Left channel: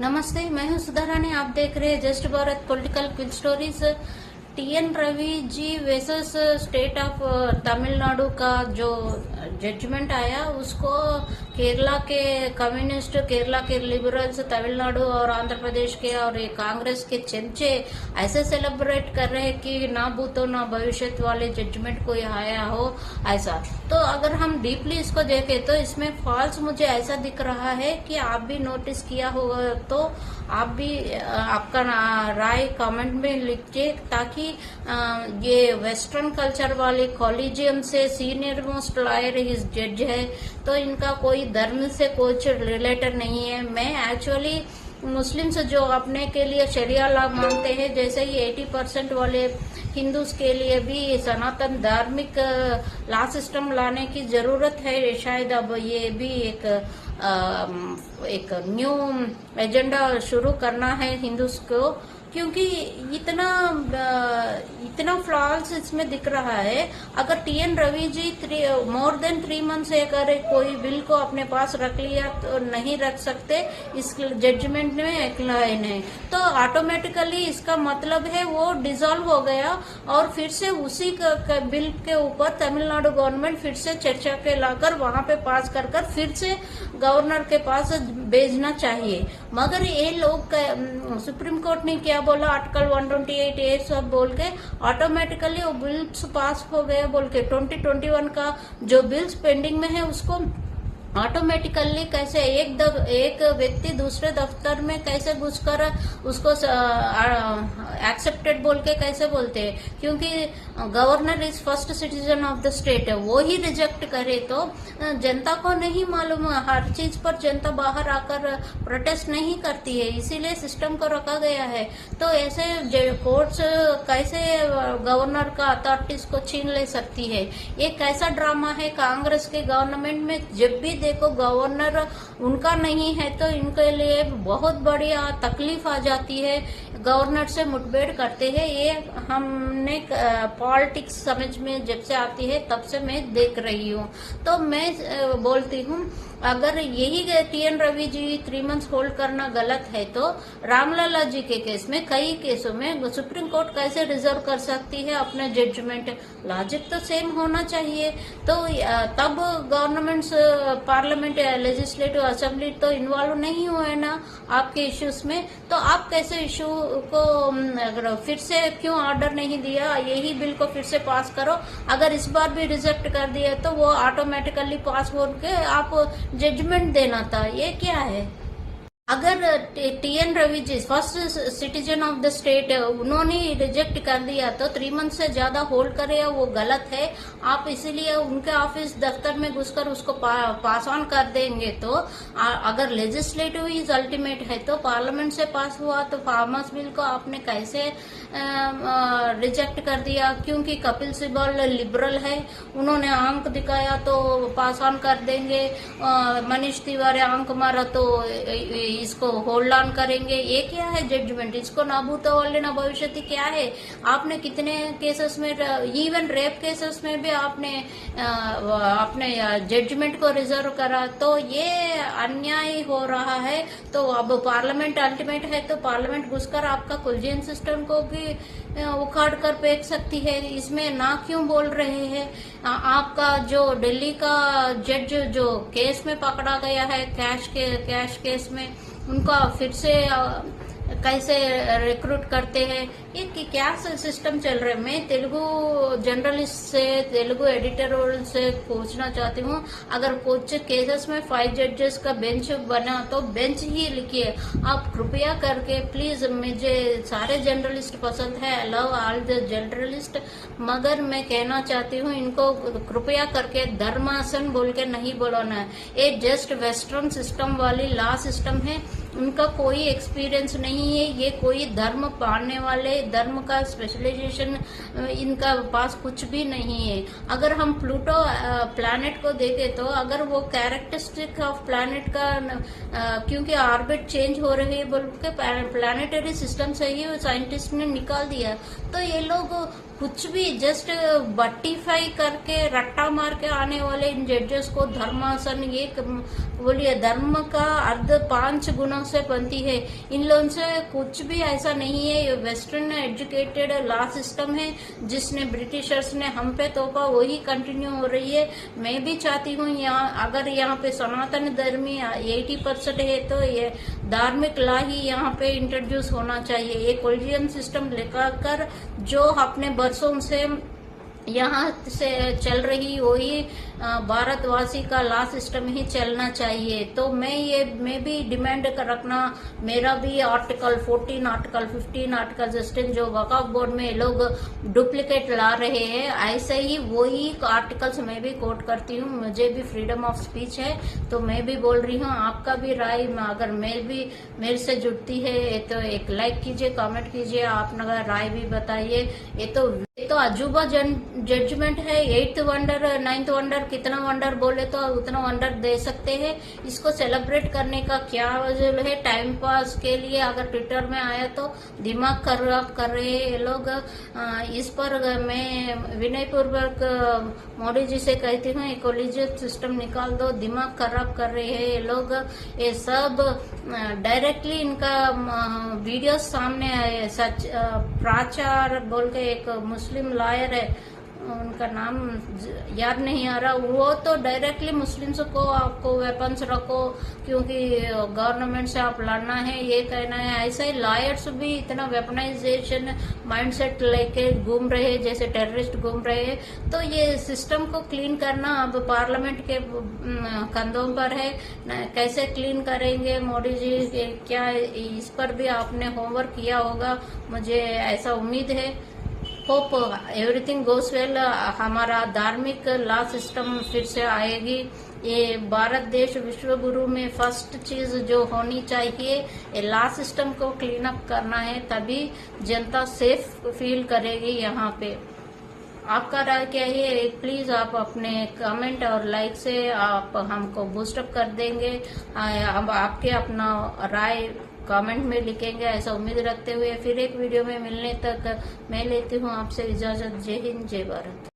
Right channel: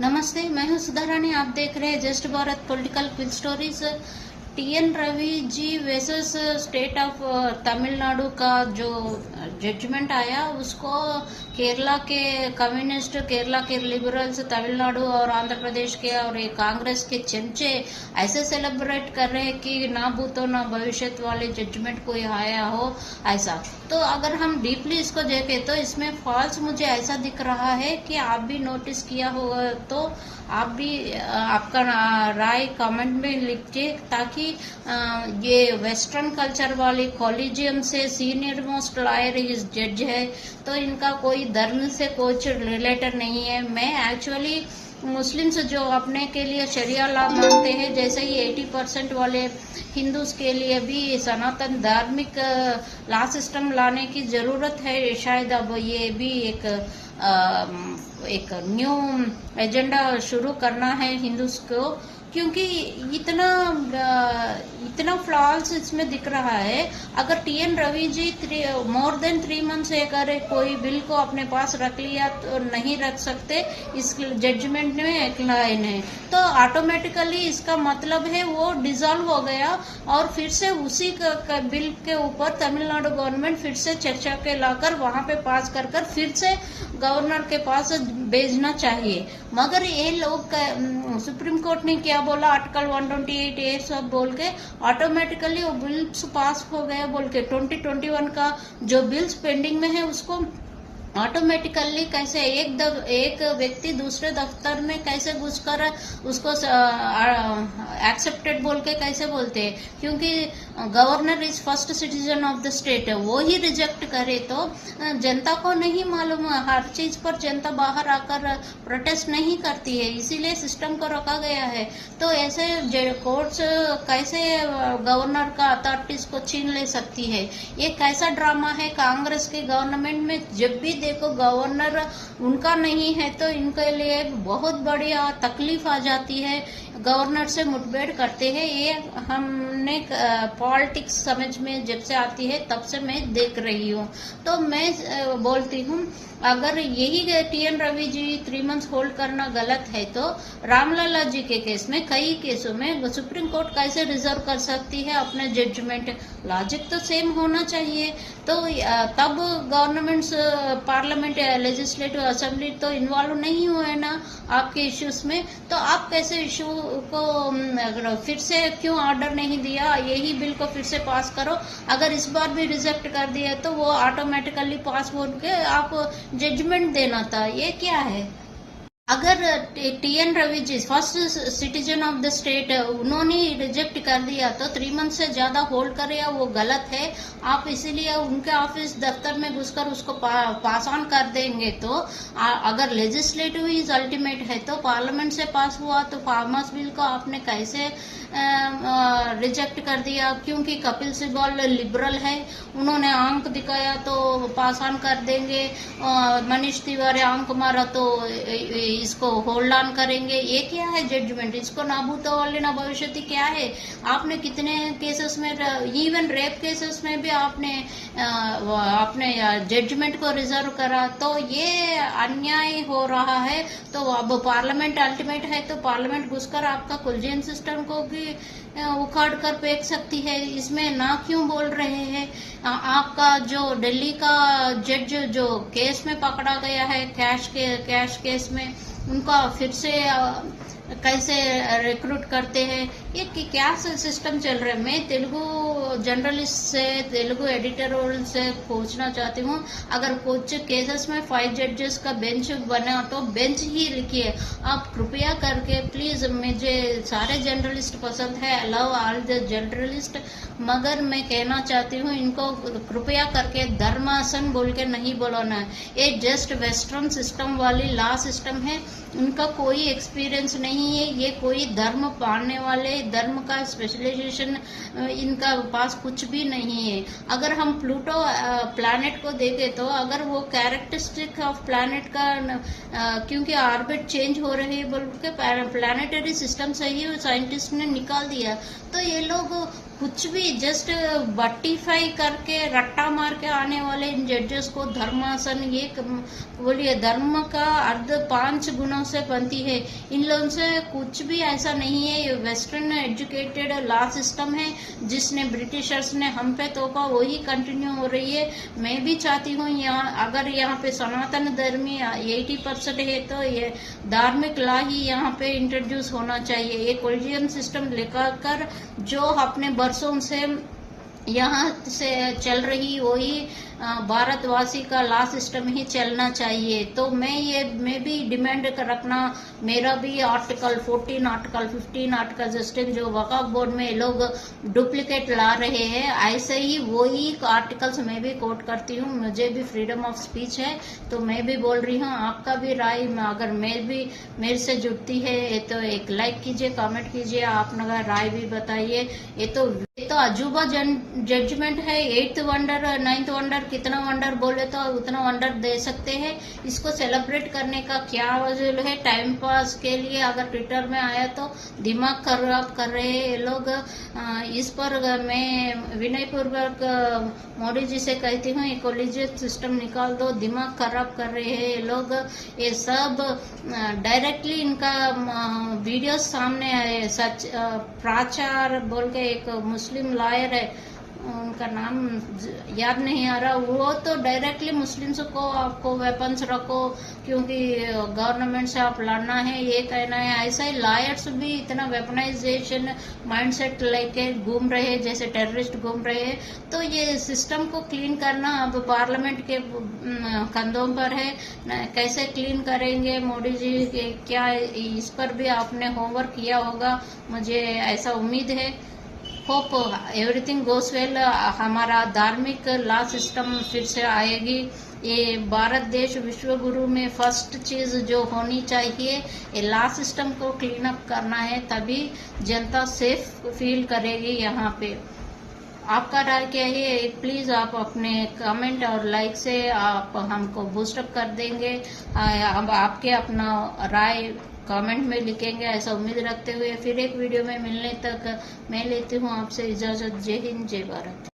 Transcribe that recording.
नमस्ते, मैं हूं सुधा रानी। आप देख रहे हैं just Bharat political quick stories. T N Ravi ji versus state of Tamil Nadu का जो जजमेंट आया, उसको केरला के कम्युनिस्ट, केरला के लिबरल्स, तमिलनाडु और आंध्र प्रदेश के और ये कांग्रेस के चमचे ऐसे सेलिब्रेट कर रहे हैं कि ना भूतो ना भविष्य वाले जजमेंट कोई आया हो ऐसा। तो अगर हम डीपली इसको देखें तो इसमें फॉल्स मुझे ऐसा दिख रहा है कि आप भी नोटिस किया होगा, तो आप भी आपका राय कमेंट में लिखिए, ताकि ये वेस्टर्न कल्चर वाले कॉलेजियम से सीनियर मोस्ट लॉयर इस जज है, तो इनका कोई धर्म से कुछ रिलेटेड नहीं है। मैं एक्चुअली मुस्लिम्स जो अपने के लिए शरिया लॉ मानते हैं, जैसे ही 80% वाले हिंदूज के लिए भी सनातन धार्मिक लॉ सिस्टम लाने की जरूरत है। शायद अब ये भी एक न्यू एजेंडा शुरू करना है हिंदूज को, क्योंकि इतना फ्लॉल्स इसमें दिख रहा है। अगर टीएन रवि जी मोर देन 3 मंथ से अगर कोई बिल को अपने पास रख लिया तो नहीं रख सकते, इस जजमेंट में एक लाइन है, तो ऑटोमेटिकली इसका मतलब है वो डिसॉल्व हो गया और फिर से उसी बिल के ऊपर तमिलनाडु गवर्नमेंट फिर से चर्चा के लाकर वहां पे पास कर फिर से गवर्नर के पास भेजना चाहिए। मगर ये लोग सुप्रीम कोर्ट ने क्या बोला, आर्टिकल 128 ये सब बोल के ऑटोमेटिकली वो बिल्स पास हो गए बोल के 2021 का जो बिल्स पेंडिंग में है उसको ऑटोमेटिकली कैसे एक व्यक्ति दूसरे दफ्तर में कैसे घुसकर उसको एक्सेप्टेड बोल के कैसे बोलते हैं, क्योंकि governor is first citizen of the state है, वो ही रिजेक्ट करे तो जनता को नहीं मालूम, हर चीज पर जनता बाहर आकर प्रोटेस्ट नहीं करती है, इसीलिए सिस्टम को रखा गया है। तो ऐसे कोर्ट्स कैसे गवर्नर का अथॉरिटीज को छीन ले सकती है? ये कैसा ड्रामा है कांग्रेस के गवर्नमेंट में। जब भी देखो गवर्नर उनका नहीं है तो इनके लिए बहुत बड़ी तकलीफ आ जाती है, गवर्नर से मुठभेड़ करते हैं। ये हमने पॉलिटिक्स समझ में जब से आती है तब से मैं देख रही हूँ। तो मैं बोलती हूँ अगर यही टीएन रवि जी 3 मंथ्स होल्ड करना गलत है, तो रामलला जी के केस में कई केसों में सुप्रीम कोर्ट कैसे रिजर्व कर सकती है अपना जजमेंट? लॉजिक तो सेम होना चाहिए। तो तब गवर्नमेंट्स, पार्लियामेंट या लेजिस्लेटिव असेंबली तो इन्वॉल्व नहीं हुए ना आपके इश्यूज में, तो आप कैसे इश्यू को फिर से क्यों ऑर्डर नहीं दिया, यही बिल को फिर से पास करो? अगर इस बार भी रिजेक्ट कर दिया तो वो ऑटोमेटिकली पास हो के आप जजमेंट देना था। ये क्या है? अगर TN Ravi ji first citizen of the state, उन्होंने रिजेक्ट कर दिया तो 3 मंथ से ज्यादा होल्ड करे या वो गलत है। आप इसीलिए उनके ऑफिस दफ्तर में घुसकर उसको पास ऑन कर देंगे। तो अगर लेजिस्लेटिव इज अल्टीमेट है तो पार्लियामेंट से पास हुआ, तो फार्मर्स बिल को आपने कैसे रिजेक्ट कर दिया? क्योंकि कपिल सिब्बल लिबरल है, उन्होंने आंक दिखाया तो पास ऑन कर देंगे, मनीष तिवारी आंक मारा तो इसको होल्ड ऑन करेंगे। ये क्या है जजमेंट? इसको ना भूतो वाले ना भविष्य क्या है? आपने कितने केसेस में, इवन रेप केसेस में भी आपने जजमेंट को रिजर्व करा, तो ये अन्याय हो रहा है। तो अब पार्लियामेंट अल्टीमेट है तो पार्लियामेंट घुसकर आपका कुलजियन सिस्टम को भी उखाड़ कर फेंक सकती है। इसमें ना क्यों बोल रहे हैं? आपका जो दिल्ली का जज जो केस में पकड़ा गया है, कैश केस में, उनका फिर से कैसे रिक्रूट करते हैं? ये क्या सिस्टम चल रहा है? मैं तेलुगु जर्नलिस्ट से, तेलुगु एडिटोरियल से पूछना चाहती हूँ, अगर कुछ केसेस में 5 जजेस का बेंच बना तो बेंच ही लिखिए आप, कृपया करके प्लीज। मुझे सारे जर्नलिस्ट पसंद है, I love all the journalist, मगर मैं कहना चाहती हूँ इनको कृपया करके धर्मासन बोल के नहीं बुलाना है। ये जस्ट वेस्टर्न सिस्टम वाली लॉ सिस्टम है, उनका कोई एक्सपीरियंस नहीं है। ये कोई धर्म पाने वाले, धर्म का स्पेशलाइजेशन इनका पास कुछ भी नहीं है। अगर हम प्लूटो प्लैनेट को देखें तो अगर वो कैरेक्टरिस्टिक ऑफ प्लैनेट का, क्योंकि ऑर्बिट चेंज हो रही है बोल के प्लैनेटरी सिस्टम से ही साइंटिस्ट ने निकाल दिया, तो ये लोग कुछ भी जस्ट बट्टीफाई करके रट्टा मार के आने वाले इन जजेस को धर्मासन ये बोलिए धर्म का अर्ध 5 गुणों से बनती है। इन लोगों से कुछ भी ऐसा नहीं है। ये वेस्टर्न एजुकेटेड लॉ सिस्टम है जिसने ब्रिटिशर्स ने हम पे तोपा, वही कंटिन्यू हो रही है। मैं भी चाहती हूँ यहाँ अगर यहाँ पे सनातन धर्मी 80% है तो ये धार्मिक लॉ ही यहाँ पे इंट्रोड्यूस होना चाहिए। ये कोलिजियम सिस्टम लेकर जो अपने बरसों से यहाँ से चल रही वही भारतवासी का लॉ सिस्टम ही चलना चाहिए। तो मैं भी डिमांड रखना, मेरा भी आर्टिकल 14, आर्टिकल 15, आर्टिकल 16 जो वक्फ बोर्ड में लोग डुप्लीकेट ला रहे हैं, ऐसे ही वही आर्टिकल्स मैं भी कोट करती हूँ। मुझे भी फ्रीडम ऑफ स्पीच है तो मैं भी बोल रही हूँ। आपका भी राय अगर मेरे से जुड़ती है तो एक लाइक कीजिए, कमेंट कीजिए, अपना राय भी बताइए। ये तो अजूबा जजमेंट है। 8th वंडर 9th वंडर कितना वंडर बोले तो उतना वंडर दे सकते हैं। इसको सेलिब्रेट करने का क्या वजह है? टाइम पास के लिए अगर ट्विटर में आया तो दिमाग खराब कर रहे हैं ये लोग। इस पर मैं विनय पूर्वक मोदी जी से कहती हूँ, कोलिजियम सिस्टम निकाल दो, दिमाग खराब कर रहे हैं ये लोग। ये सब डायरेक्टली इनका वीडियो सामने आए। सच प्राचार बोल के एक मुस्लिम लॉयर है, उनका नाम याद नहीं आ रहा, वो तो डायरेक्टली मुस्लिम्स को आपको वेपन्स रखो क्योंकि गवर्नमेंट से आप लड़ना है ये कहना है। ऐसा ही लॉयर्स भी इतना वेपनाइजेशन माइंडसेट लेके घूम रहे हैं जैसे टेररिस्ट घूम रहे हैं। तो ये सिस्टम को क्लीन करना अब पार्लियामेंट के कंधों पर है। कैसे क्लीन करेंगे मोदी जी क्या इस पर भी आपने होमवर्क किया होगा, मुझे ऐसा उम्मीद है। होप एवरीथिंग गोस वेल। हमारा धार्मिक लॉ सिस्टम फिर से आएगी। ये भारत देश विश्व गुरु में फर्स्ट चीज जो होनी चाहिए ये लॉ सिस्टम को क्लीन अप करना है, तभी जनता सेफ फील करेगी। यहाँ पे आपका राय क्या है? प्लीज आप अपने कमेंट और लाइक से आप हमको बूस्टअप कर देंगे। हम आपके अपना राय कमेंट में लिखेंगे ऐसा उम्मीद रखते हुए फिर एक वीडियो में मिलने तक मैं लेती हूँ आपसे इजाजत। जय हिंद, जय भारत।